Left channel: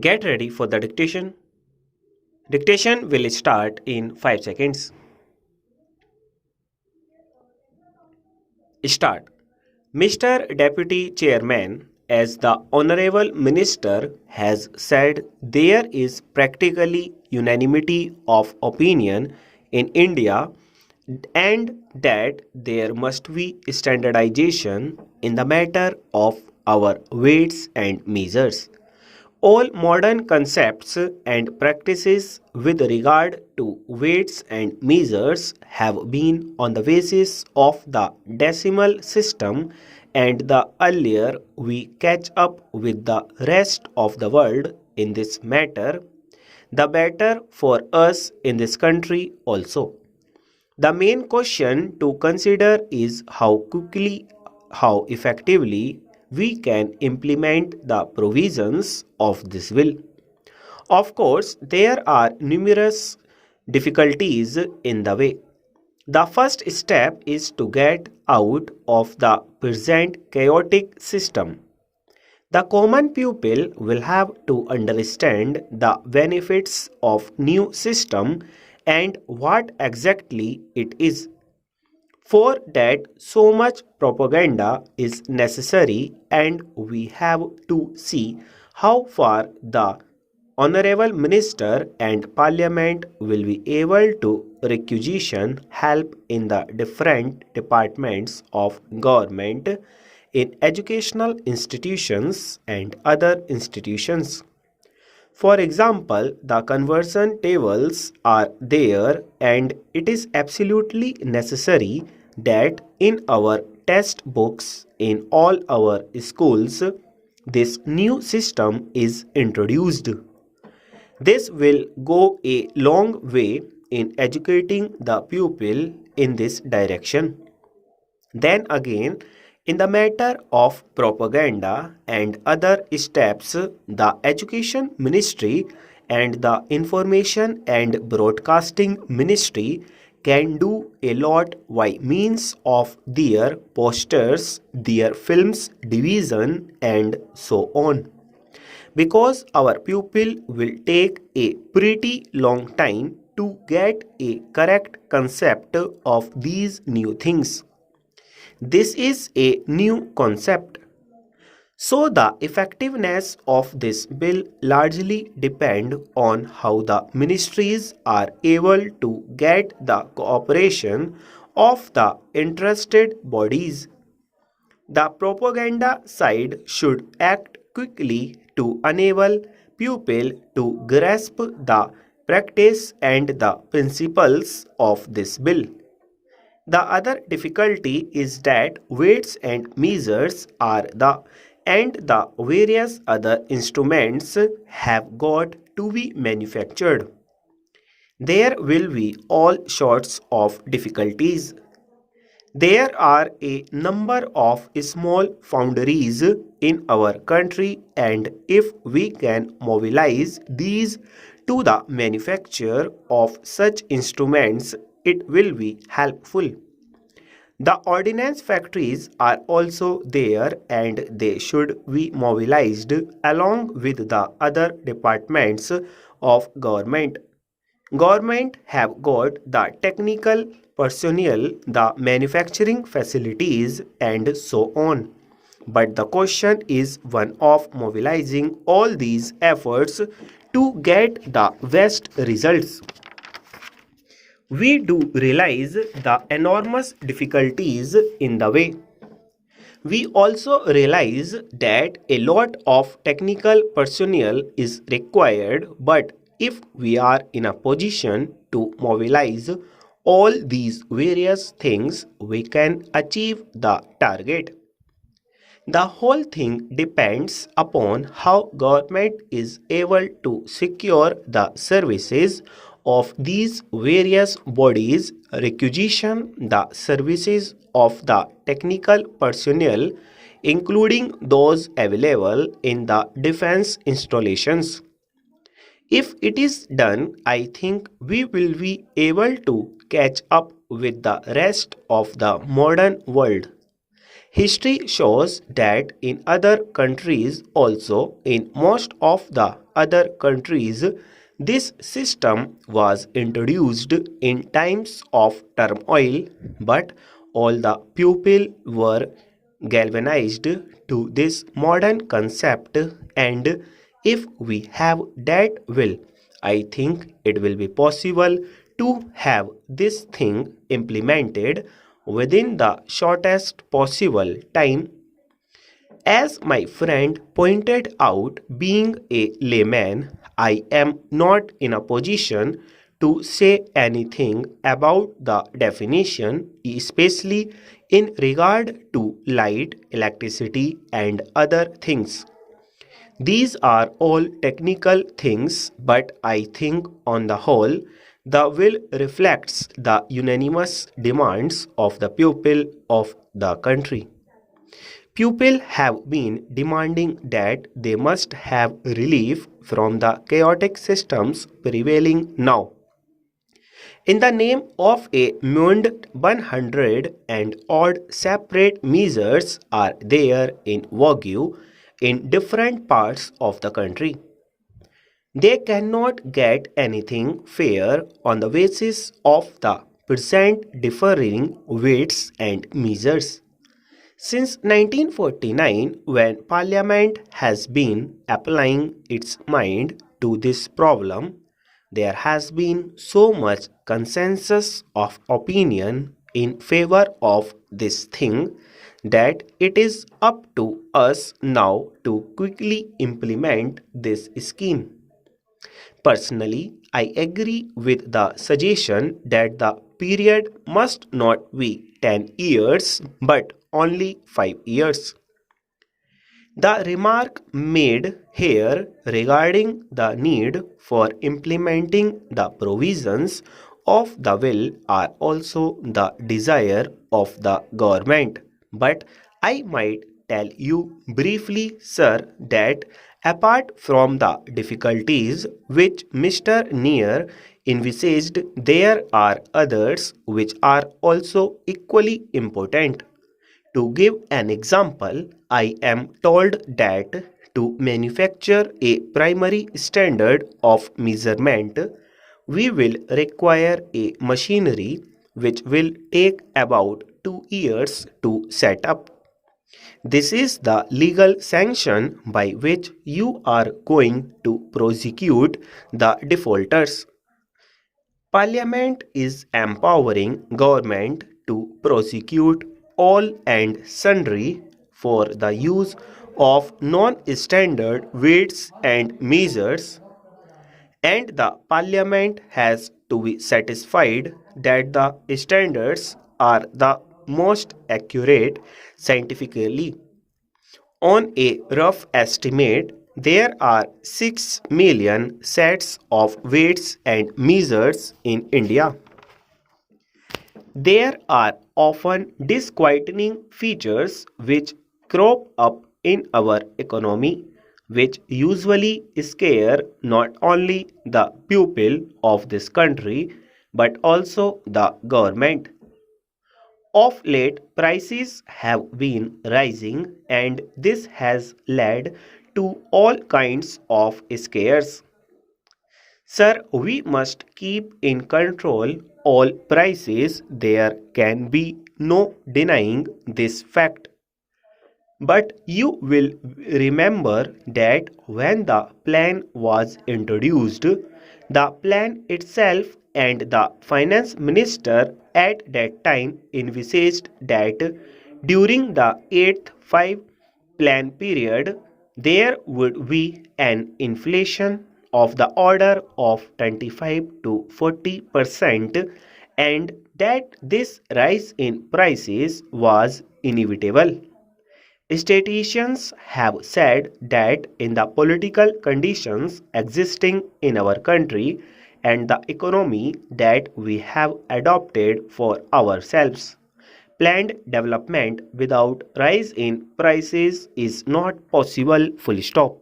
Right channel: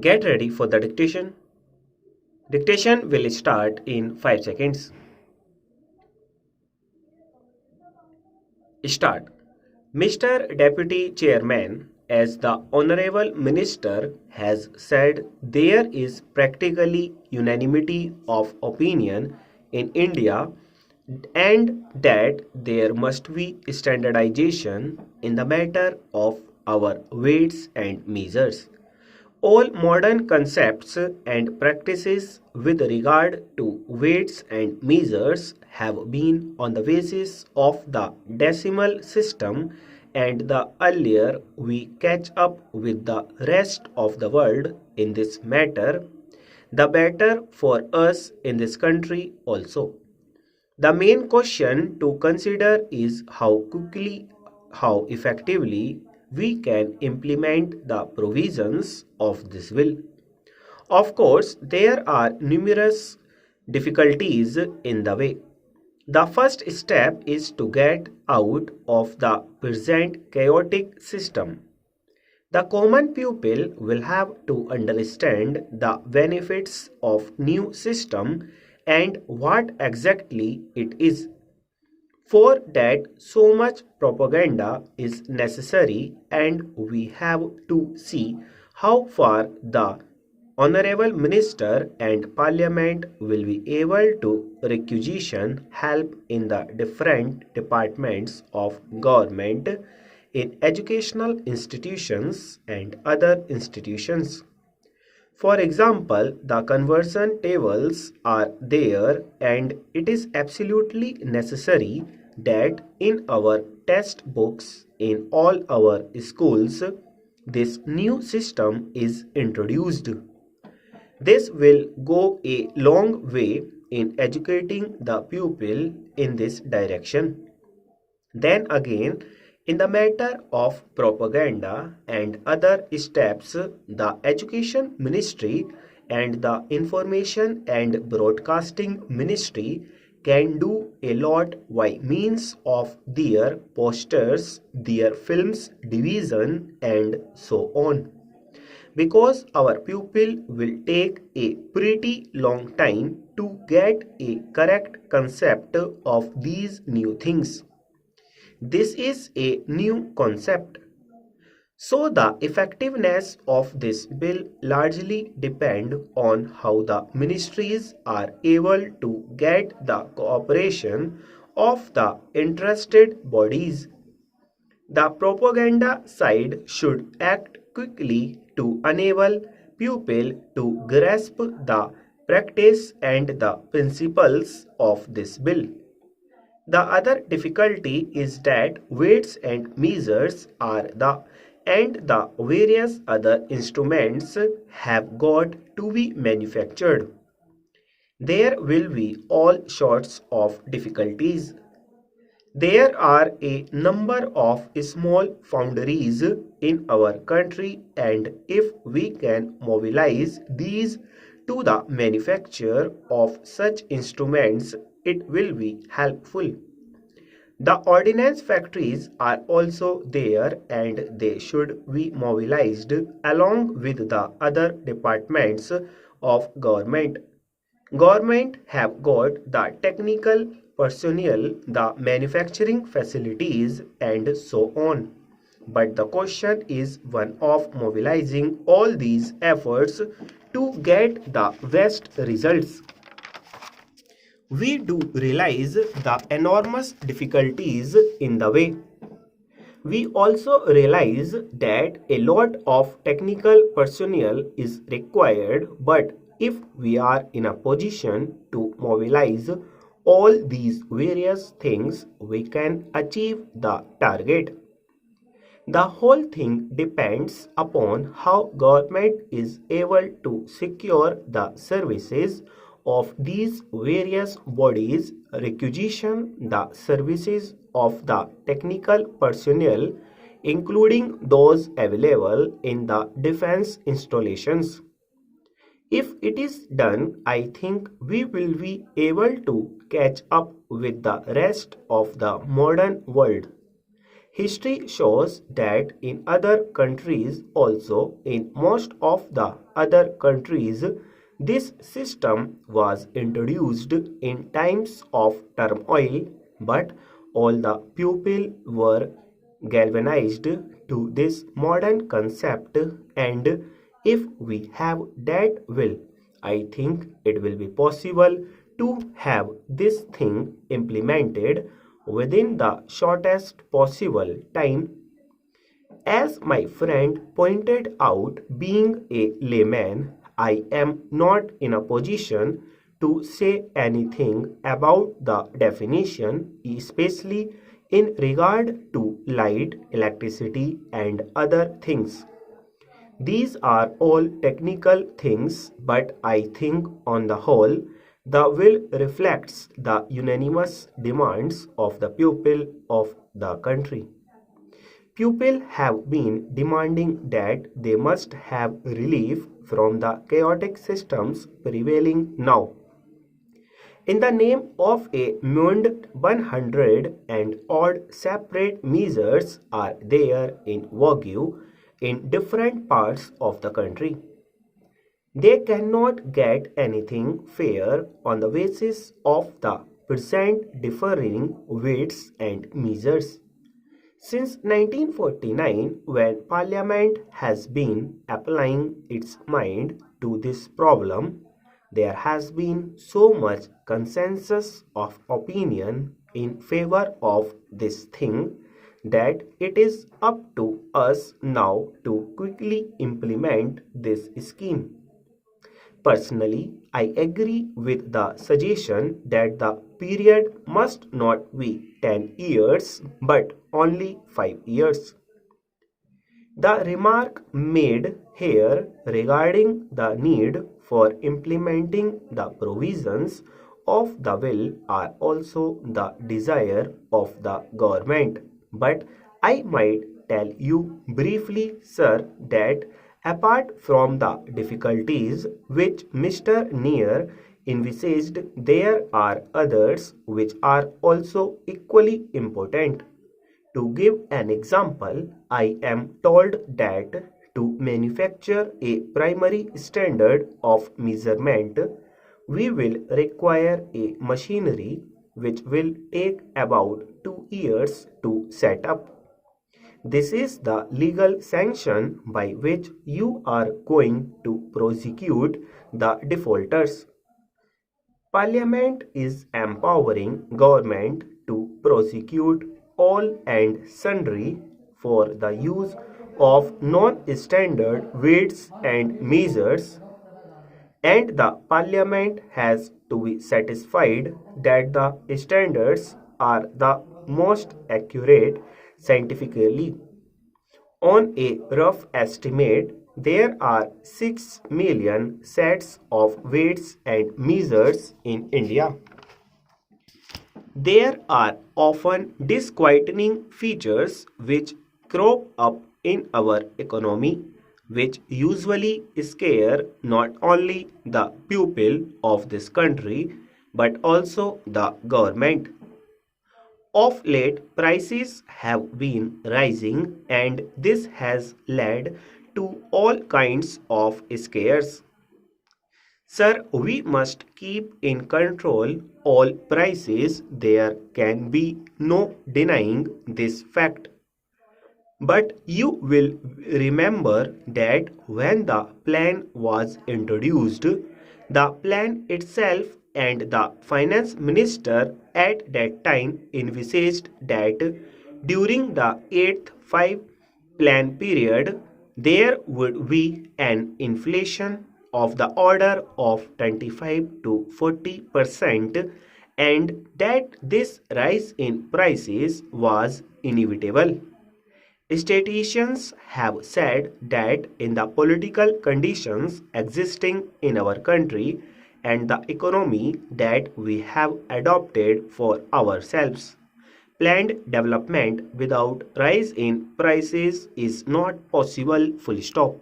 Get ready for the dictation. Dictation will start in 5 seconds. Start. Mr. Deputy Chairman, as the Honorable Minister has said, there is practically unanimity of opinion in India and that there must be standardization in the matter of our weights and measures. All modern concepts and practices with regard to weights and measures have been on the basis of the decimal system, and the earlier we catch up with the rest of the world in this matter, the better for us in this country also. The main question to consider is how quickly, how effectively we can implement the provisions of this bill. Of course, there are numerous difficulties in the way. The first step is to get out of the present chaotic system. The common pupil will have to understand the benefits of new system and what exactly it is. For that, so much propaganda is necessary, and we have to see how far the Honorable Minister and Parliament will be able to requisition help in the different departments of government, in educational institutions and other institutions. For example, the conversion tables are there, and it is absolutely necessary that in our test books in all our schools this new system is introduced. This will go a long way in educating the pupil in this direction. Then again, in the matter of propaganda and other steps, the Education Ministry and the Information and Broadcasting Ministry can do a lot by means of their posters, their films division, and so on. Because our pupil will take a pretty long time to get a correct concept of these new things. This is a new concept. So the effectiveness of this bill largely depend on how the ministries are able to get the cooperation of the interested bodies. The propaganda side should act quickly to enable pupil to grasp the practice and the principles of this bill. The other difficulty is that weights and measures are the various other instruments have got to be manufactured. There will be all sorts of difficulties. There are a number of small foundries in our country, and if we can mobilize these to the manufacture of such instruments, it will be helpful. The ordnance factories are also there, and they should be mobilized along with the other departments of government. Government have got the technical personnel, the manufacturing facilities, and so on. But the question is one of mobilizing all these efforts to get the best results. We do realize the enormous difficulties in the way. We also realize that a lot of technical personnel is required, but if we are in a position to mobilize all these various things, we can achieve the target. The whole thing depends upon how government is able to secure the services of these various bodies, requisition the services of the technical personnel, including those available in the defense installations. If it is done, I think we will be able to catch up with the rest of the modern world. History shows that in other countries also, in most of the other countries, this system was introduced in times of turmoil, but all the people were galvanized to this modern concept, and if we have that will, I think it will be possible to have this thing implemented within the shortest possible time. As my friend pointed out, being a layman, I am not in a position to say anything about the definition, especially in regard to light, electricity, and other things. These are all technical things, but I think on the whole, the will reflects the unanimous demands of the people of the country. People have been demanding that they must have relief from the chaotic systems prevailing now. In the name of a mund 100 and odd separate measures are there in Wagyu in different parts of the country. They cannot get anything fair on the basis of the present differing weights and measures. Since 1949, when Parliament has been applying its mind to this problem, there has been so much consensus of opinion in favor of this thing that it is up to us now to quickly implement this scheme. Personally, I agree with the suggestion that the period must not be 10 years but only 5 years. The remark made here regarding the need for implementing the provisions of the will are also the desire of the government. But I might tell you briefly, sir, that apart from the difficulties which Mr. Neer envisaged, there are others which are also equally important. To give an example, I am told that to manufacture a primary standard of measurement, we will require a machinery which will take about 2 years to set up. This is the legal sanction by which you are going to prosecute the defaulters. Parliament is empowering government to prosecute all and sundry for the use of non-standard weights and measures, and the Parliament has to be satisfied that the standards are the most accurate scientifically. On a rough estimate, there are 6 million sets of weights and measures in India. There are often disquieting features which crop up in our economy, which usually scare not only the people of this country but also the government. Of late, prices have been rising, and this has led to all kinds of scares. Sir, we must keep in control all prices. There can be no denying this fact. But you will remember that when the plan was introduced, the plan itself and the finance minister at that time envisaged that during the 8th 5 plan period, there would be an inflation of the order of 25 to 40%, and that this rise in prices was inevitable. Statisticians have said that in the political conditions existing in our country and the economy that we have adopted for ourselves, planned development without rise in prices is not possible, full stop.